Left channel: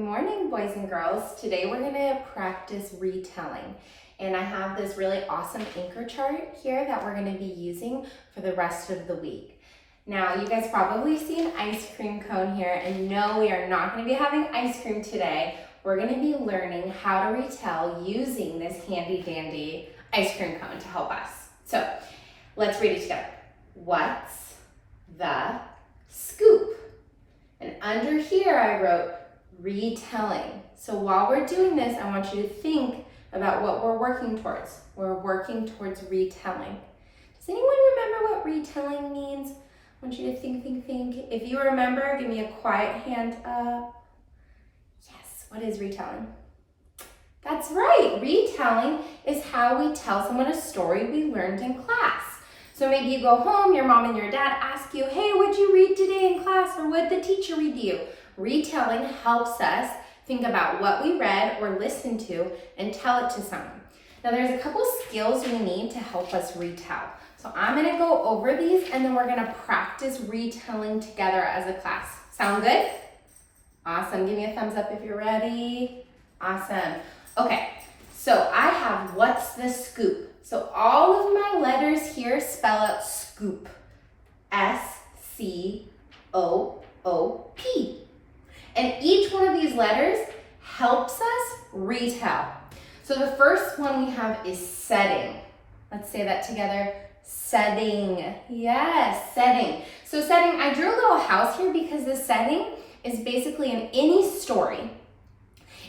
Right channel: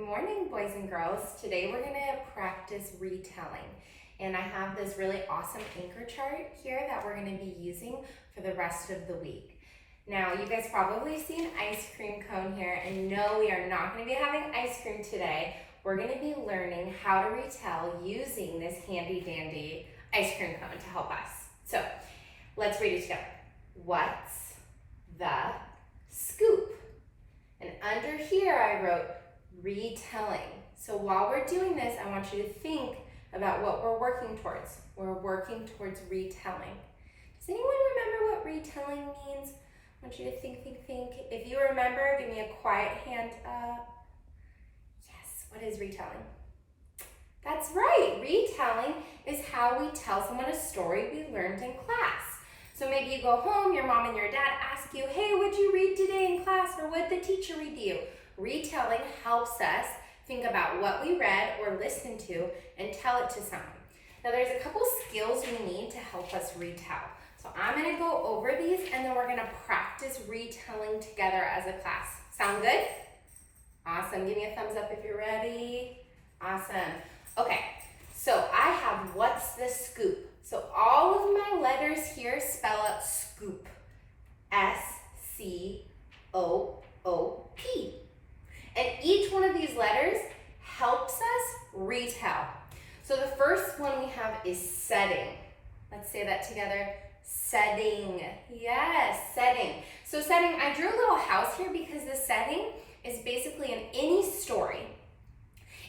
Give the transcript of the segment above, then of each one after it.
morning, boys and girls. Today we're going to practice retelling. And I have this really awesome anchor chart here that we're going to be using for the rest of the week. Now, you guys probably see an ice cream cone here, and no, we are not going to be having ice cream today. We're going to be learning how to retell using this handy dandy ice cream cone to help us. So, let's read it together. What's the scoop? And under here I wrote retelling. So while we're doing this, I want you to think about what we're working towards. We're working towards retelling. Does anyone remember what retelling means? I want you to think. If you remember, give me a quiet hand up. Yes, what is retelling? That's right, retelling is how we tell someone a story we learned in class. So maybe you go home, your mom and your dad ask you, hey, what'd you read today in class, or what'd the teacher read to you? Retelling helps us think about what we read or listened to and tell it to someone. Now there's a couple skills we need to help us retell. So I'm gonna go over these and then we're gonna practice retelling together as a class. Sound good? Awesome, give me a thumbs up if you're ready. Awesome. Okay, so I have what's the scoop? So all of my letters here spell out scoop. S-C-O-O-P. And each one of these letters helps us retell. So the first one we have is setting. Let's say that together. Setting. Yes, setting. So setting, I drew a little house here because the setting is basically in any story.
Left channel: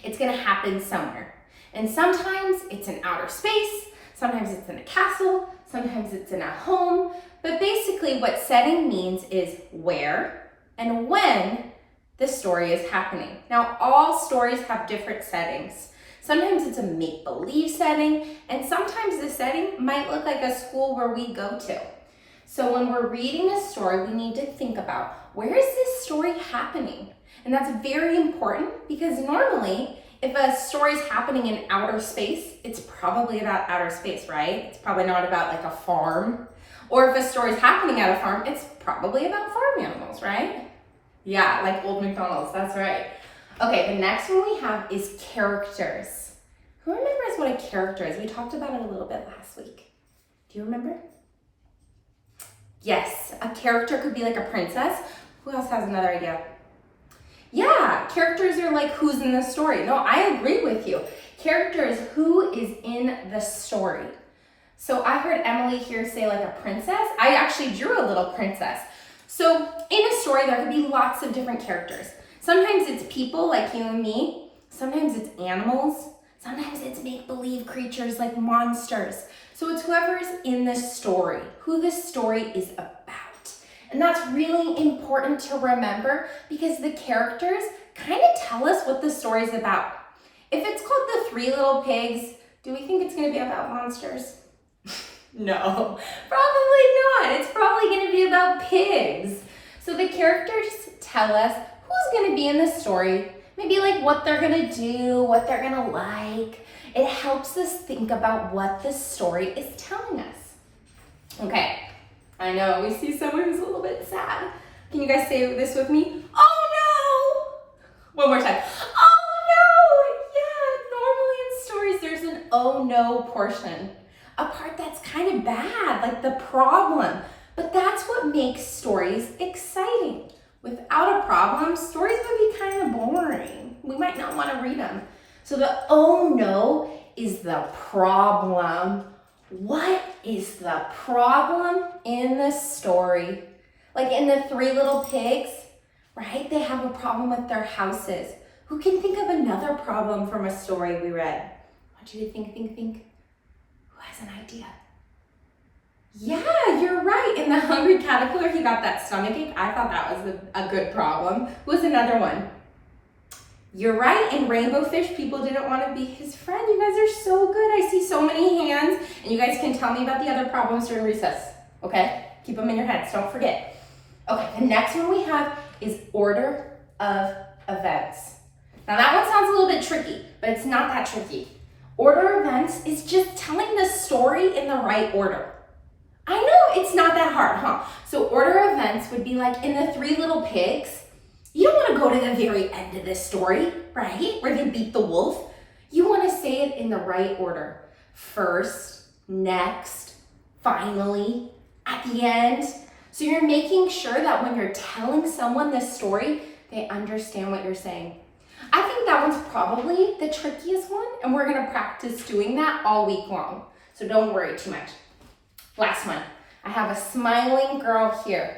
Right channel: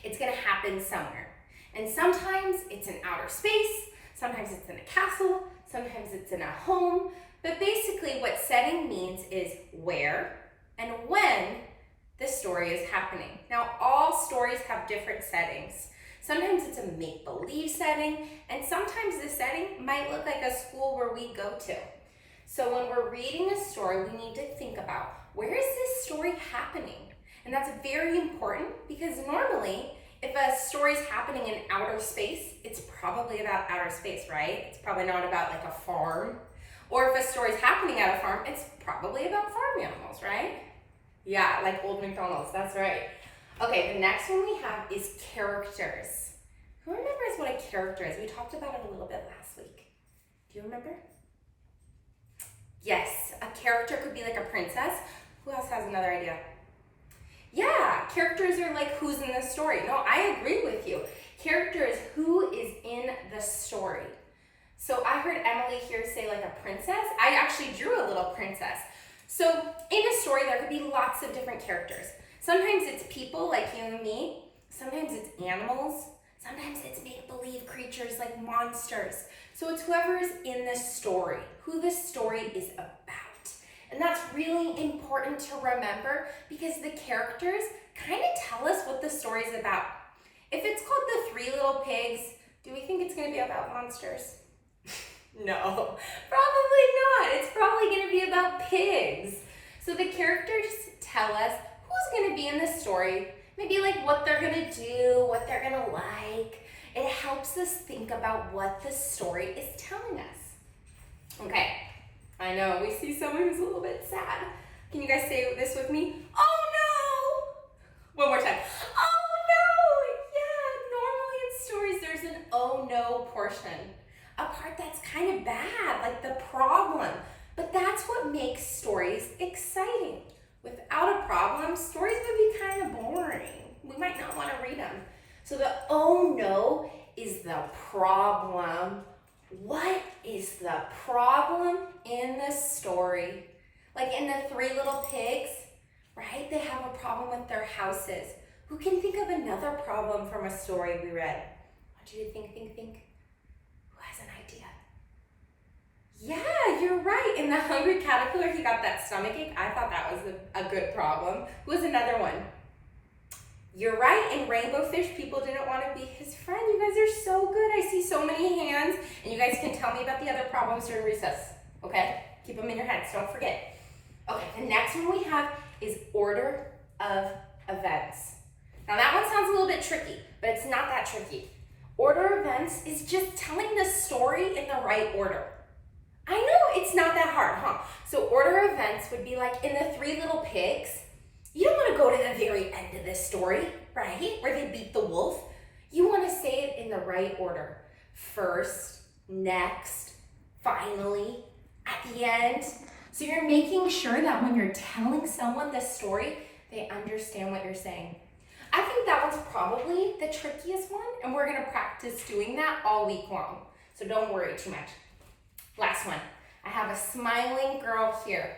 It's going to happen somewhere. And sometimes it's in outer space. Sometimes it's in a castle, sometimes it's in a home, but basically what setting means is where and when the story is happening. Now, all stories have different settings. Sometimes it's a make-believe setting, and sometimes the setting might look like a school where we go to. So when we're reading a story, we need to think about, where is this story happening? And that's very important because normally, if a story is happening in outer space, it's probably about outer space, right? It's probably not about like a farm. Or if a story is happening at a farm, it's probably about farm animals, right? Yeah, like Old McDonald's, that's right. Okay, the next one we have is characters. Who remembers what a character is? We talked about it a little bit last week. Do you remember? Yes, a character could be like a princess. Who else has another idea? Yeah, characters are like who's in the story. No, I agree with you. Character is who is in the story. So I heard Emily here say like a princess. I actually drew a little princess. So in a story, there could be lots of different characters. Sometimes it's people like you and me. Sometimes it's animals. Sometimes it's make-believe creatures like monsters. So it's whoever is in the story, who the story is about. And that's really important to remember because the characters kind of tell us what the story is about. If it's called The Three Little Pigs, do we think it's going to be about monsters? No, probably not. It's probably going to be about pigs. So the characters tell us who's going to be in the story, maybe like what they're going to do, what they're going to like. It helps us think about what the story is telling us. Okay. I know, we see someone who's a little bit sad. Can you guys say this with me? Oh no! One more time. Oh no! Yeah, normally in stories there's an oh no portion. A part that's kind of bad, like the problem. But that's what makes stories exciting. Without a problem, stories would be kind of boring. We might not want to read them. So the oh no is the problem. What is the problem in the story? Like in The Three Little Pigs, right? They have a problem with their houses. Who can think of another problem from a story we read? I want you to think. Who has an idea? Yeah, you're right. In The Hungry Caterpillar, he got that stomachache. I thought that was a good problem. Who was another one? You're right, in Rainbow Fish, people didn't want to be his friend. You guys are so good. I see so many hands, and you guys can tell me about the other problems during recess, okay? Keep them in your heads, don't forget. Okay, the next one we have is order of events. Now that one sounds a little bit tricky, but it's not that tricky. Order of events is just telling the story in the right order. I know it's not that hard, huh? So order of events would be like in The Three Little Pigs, You don't want to go to the very end of this story, right? Where they beat the wolf. You want to say it in the right order. First, next, finally, at the end. So you're making sure that when you're telling someone this story, they understand what you're saying. I think that one's probably the trickiest one, and we're gonna practice doing that all week long. So don't worry too much. Last one. I have a smiling girl here.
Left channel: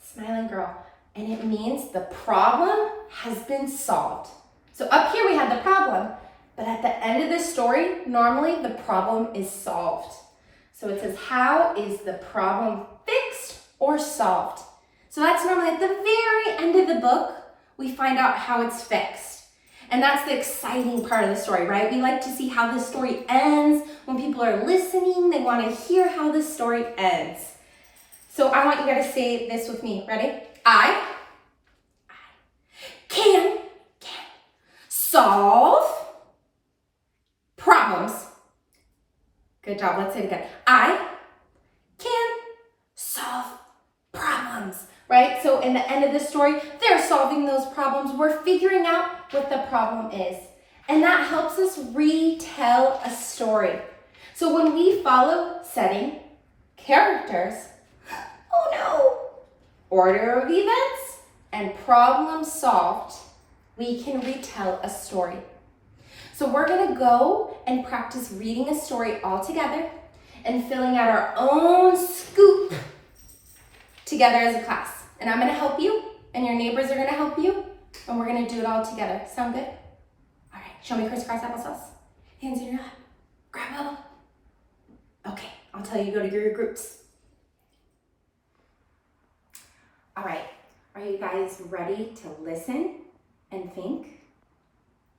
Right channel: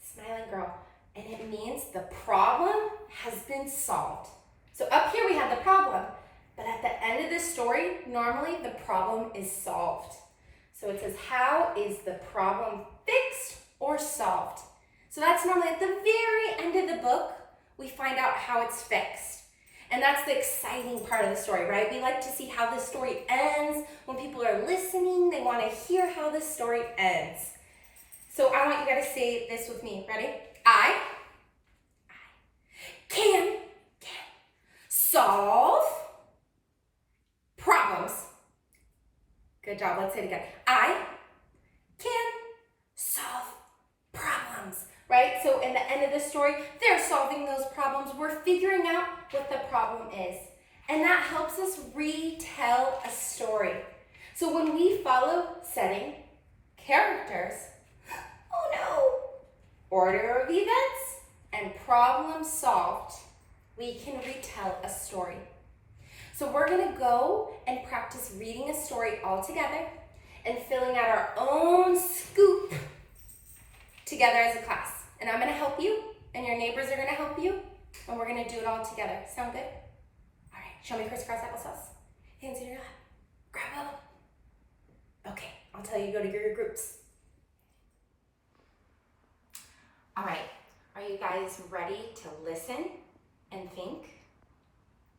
Smiling girl. And it means the problem has been solved. So up here we have the problem, but at the end of this story, normally the problem is solved. So it says, how is the problem fixed or solved? So that's normally at the very end of the book, we find out how it's fixed. And that's the exciting part of the story, right? We like to see how the story ends. When people are listening, they want to hear how the story ends. So I want you guys to say this with me. Ready? I can solve problems. Good job. Let's say it again. I can solve problems, right? So in the end of the story, they're solving those problems. We're figuring out what the problem is. And that helps us retell a story. So when we follow setting, characters, oh no, order of events, and problem solved, we can retell a story. So we're gonna go and practice reading a story all together and filling out our own scoop together as a class. And I'm gonna help you, and your neighbors are gonna help you, and we're gonna do it all together. Sound good? All right, show me crisscross applesauce. Hands in your lap. Grab bubble. Okay, I'll tell you to go to your groups. All right, are you guys ready to listen and think?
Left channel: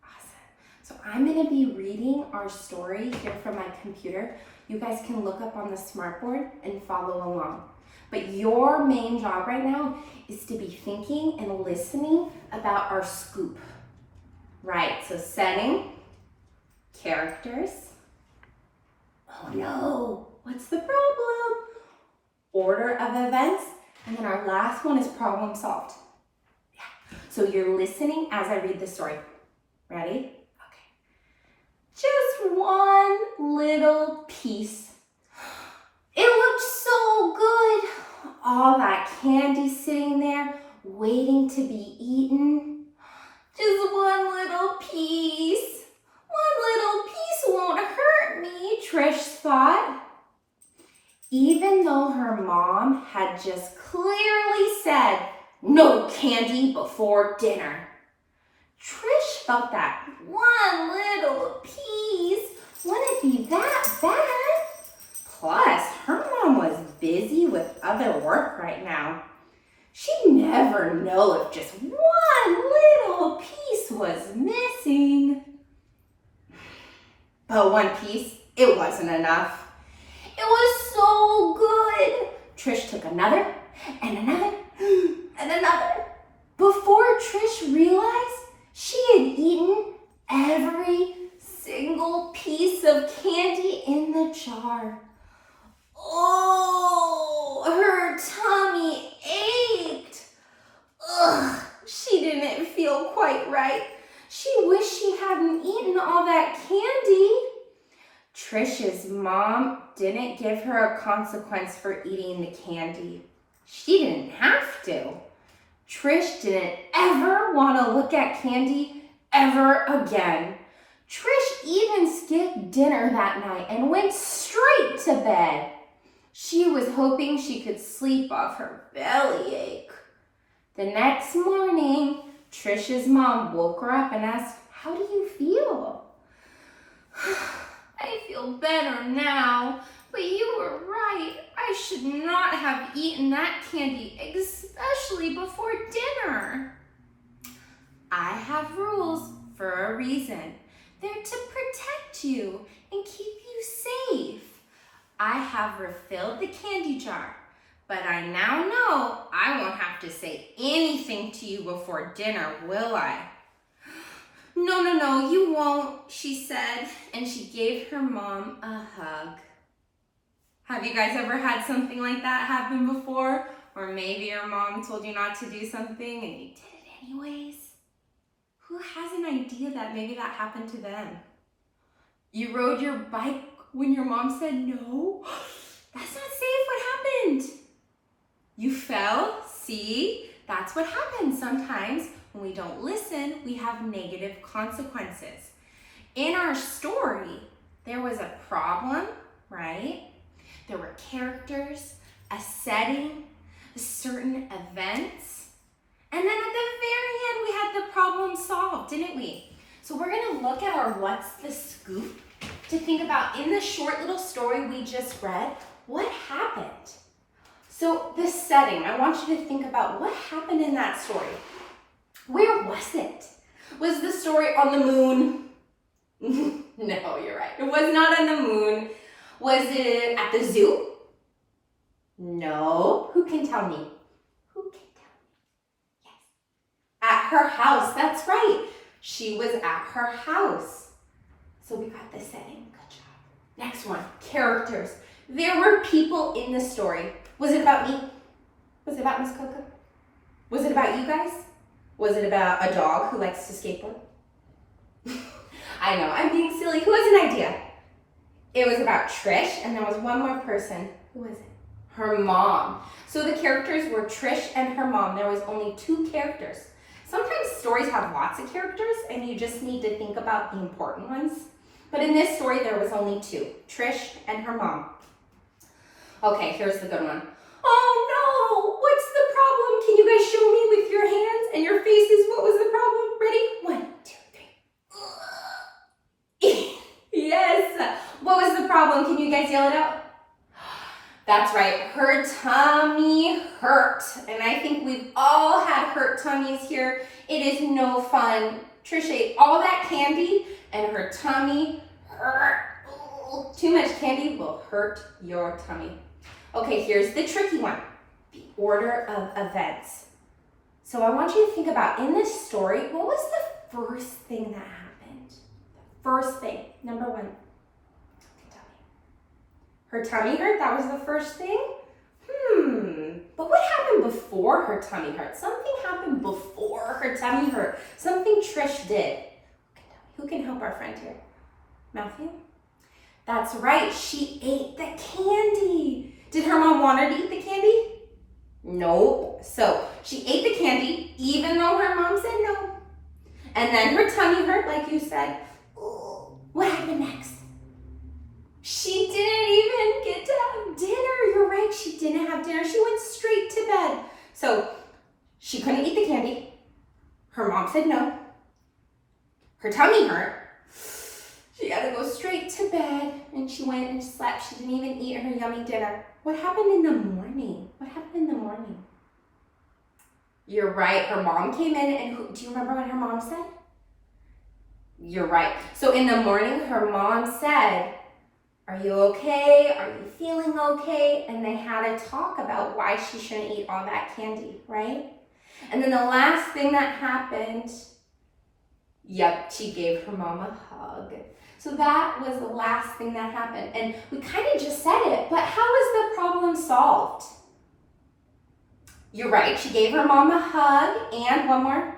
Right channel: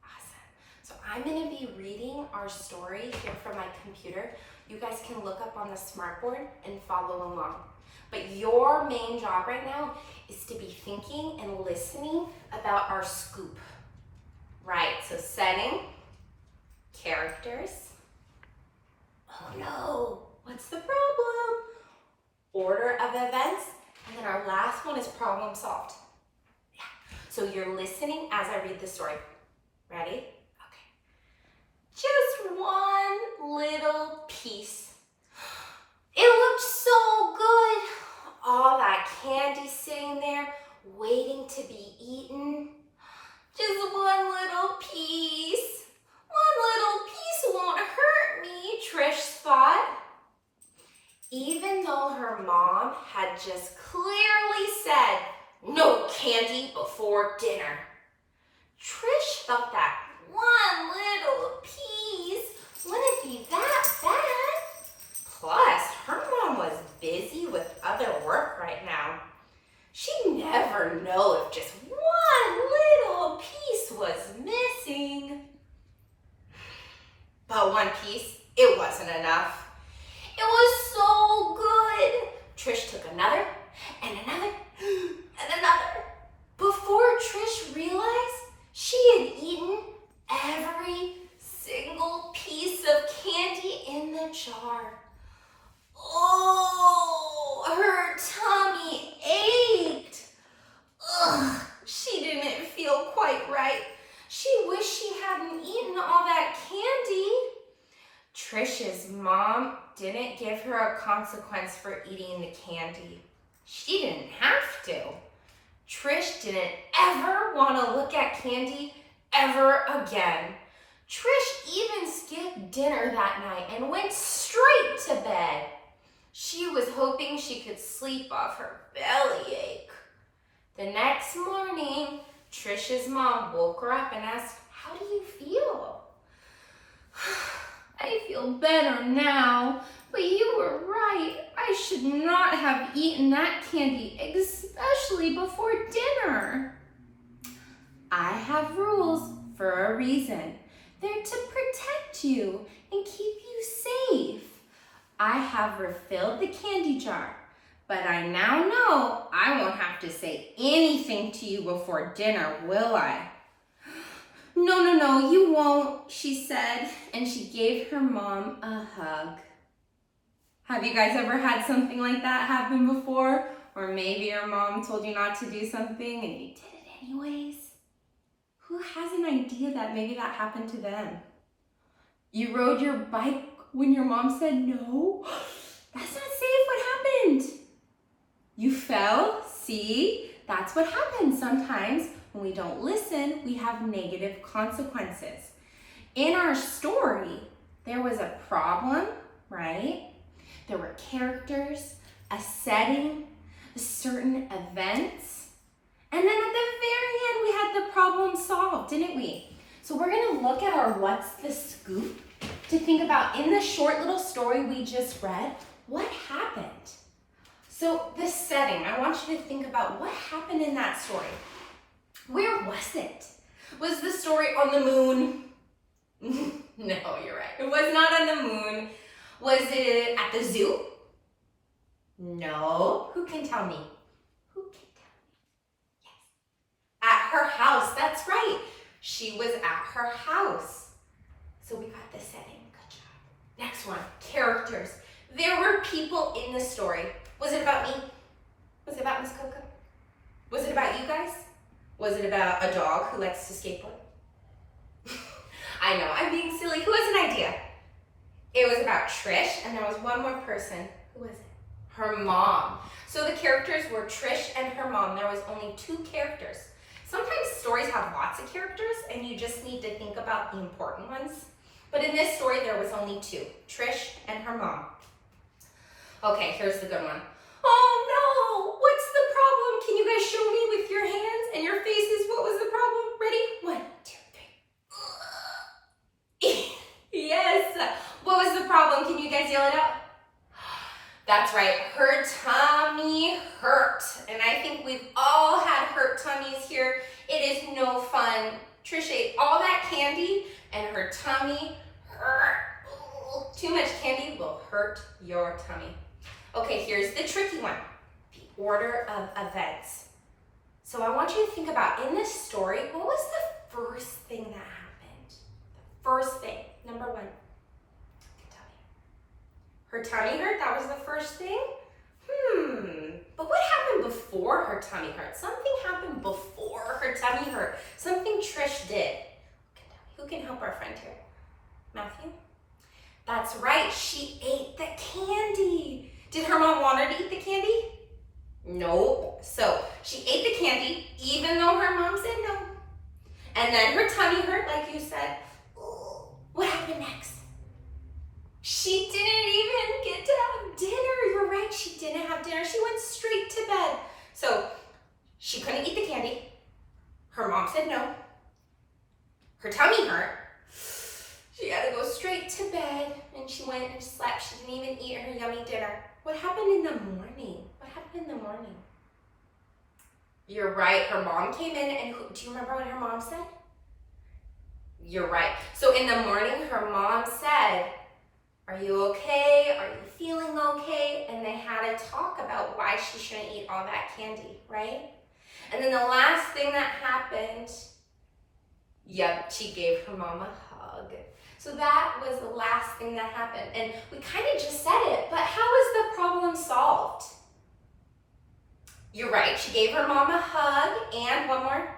Awesome. So I'm gonna be reading our story here from my computer. You guys can look up on the smartboard and follow along. But your main job right now is to be thinking and listening about our scoop. Right, so setting, characters. Oh no, what's the problem? Order of events. And then our last one is problem solved. Yeah. So you're listening as I read the story. Ready? Okay. Just one little piece. It looked so good. All that candy sitting there, waiting to be eaten. Just one little piece. One little piece won't hurt me, Trish thought. Even though her mom had just clearly said, no candy before dinner. Trish felt that one little piece wouldn't be that bad. Plus, her mom was busy with other work right now. She'd never know if just one little piece was missing. But one piece, it wasn't enough. It was so good. Trish took another and another and another. Before Trish realized, she had eaten every single piece of candy in the jar. Oh, her tummy ached. Ugh, she didn't feel quite right. She wished she hadn't eaten all that candy. Trish's mom didn't give her a consequence for eating the candy. She didn't have to. Trish didn't ever want to look at candy ever again. Trish even skipped dinner that night and went straight to bed. She was hoping she could sleep off her bellyache. The next morning, Trish's mom woke her up and asked, "How do you feel?" "I feel better now, but you were right. I should not have eaten that candy, especially before dinner." "I have rules for a reason. They're to protect you and keep you safe. I have refilled the candy jar, but I now know I won't have to say anything to you before dinner, will I?" No, you won't," she said, and she gave her mom a hug. Have you guys ever had something like that happen before? or maybe your mom told you not to do something and you did it anyways. Who has an idea that maybe that happened to them? You rode your bike when your mom said no? That's not safe. What happened? You fell? See? That's what happens sometimes. When we don't listen, we have negative consequences. In our story, there was a problem, right? There were characters, a setting, certain events, and then at the very end, we had the problem solved, didn't we? So we're gonna look at our what's the scoop to think about in the short little story we just read, what happened? So the setting, I want you to think about what happened in that story. Where was it? Was the story on the moon? No, you're right. It was not on the moon. Was it at the zoo? No. Who can tell me? Who can tell me? Yes. At her house. That's right. She was at her house. So we got the setting. Good job. Next one. Characters. There were people in the story. Was it about me? Was it about Miss Coco? Was it about you guys? Was it about a dog who likes to skateboard? I know, I'm being silly. Who has an idea? It was about Trish, and there was one more person. Who was it? Her mom. So the characters were Trish and her mom. There was only 2 characters. Sometimes stories have lots of characters, and you just need to think about the important ones. But in this story, there was only 2, Trish and her mom. Okay, here's the good one. Oh no, what's the problem? Can you guys show me with your hands and your faces what was the problem? Ready? 1, 2, 3. Yes. What was the problem? Can you guys yell it out? That's right. Her tummy hurt. And I think we've all had hurt tummies here. It is no fun. Trish ate all that candy and her tummy hurt. Ooh, too much candy will hurt your tummy. Okay, here's the tricky one. The order of events. So I want you to think about, in this story, what was the first thing that happened? The first thing, number 1. Her tummy hurt, that was the first thing? But what happened before her tummy hurt? Something happened before her tummy hurt. Something Trish did. Who can help our friend here? Matthew? That's right, she ate the candy. Did her mom want her to eat the candy? Nope. So she ate the candy even though her mom said no. And then her tummy hurt, like you said. What happened next? She didn't even get to have dinner. You're right, she didn't have dinner. She went straight to bed. So she couldn't eat the candy. Her mom said no. Her tummy hurt. She had to go straight to bed, and she went and slept. She didn't even eat her yummy dinner. What happened in the morning? What happened in the morning? You're right, her mom came in, and do you remember what her mom said? You're right. So in the morning, her mom said, are you okay? Are you feeling okay? And they had a talk about why she shouldn't eat all that candy, right? And then the last thing that happened, she gave her mom a hug. So that was the last thing that happened. And we kind of just said it, but how was the problem solved? You're right, she gave her mom a hug, and one more,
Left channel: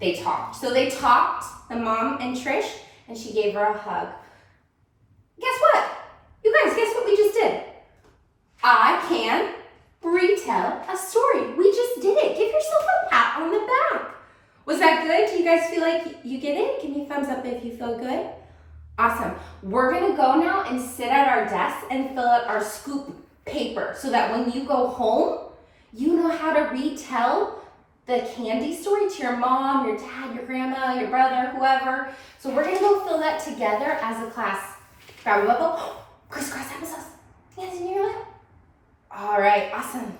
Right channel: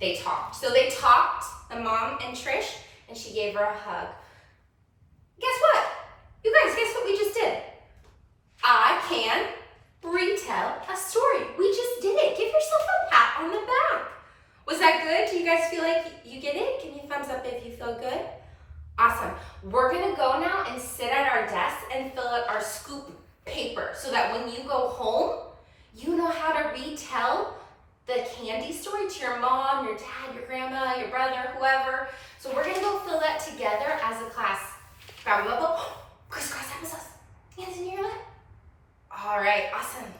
they talked. So they talked, the mom and Trish, and she gave her a hug. Guess what? You guys, guess what we just did? I can retell a story. We just did it. Give yourself a pat on the back. Was that good? Do you guys feel like you get it? Give me a thumbs up if you feel good. Awesome. We're gonna go now and sit at our desk and fill out our scoop paper so that when you go home, you know how to retell the candy story to your mom, your dad, your grandma, your brother, whoever. So we're gonna go fill that together as a class. Grab a bubble, crisscross applesauce, hands in your lap. All right, awesome.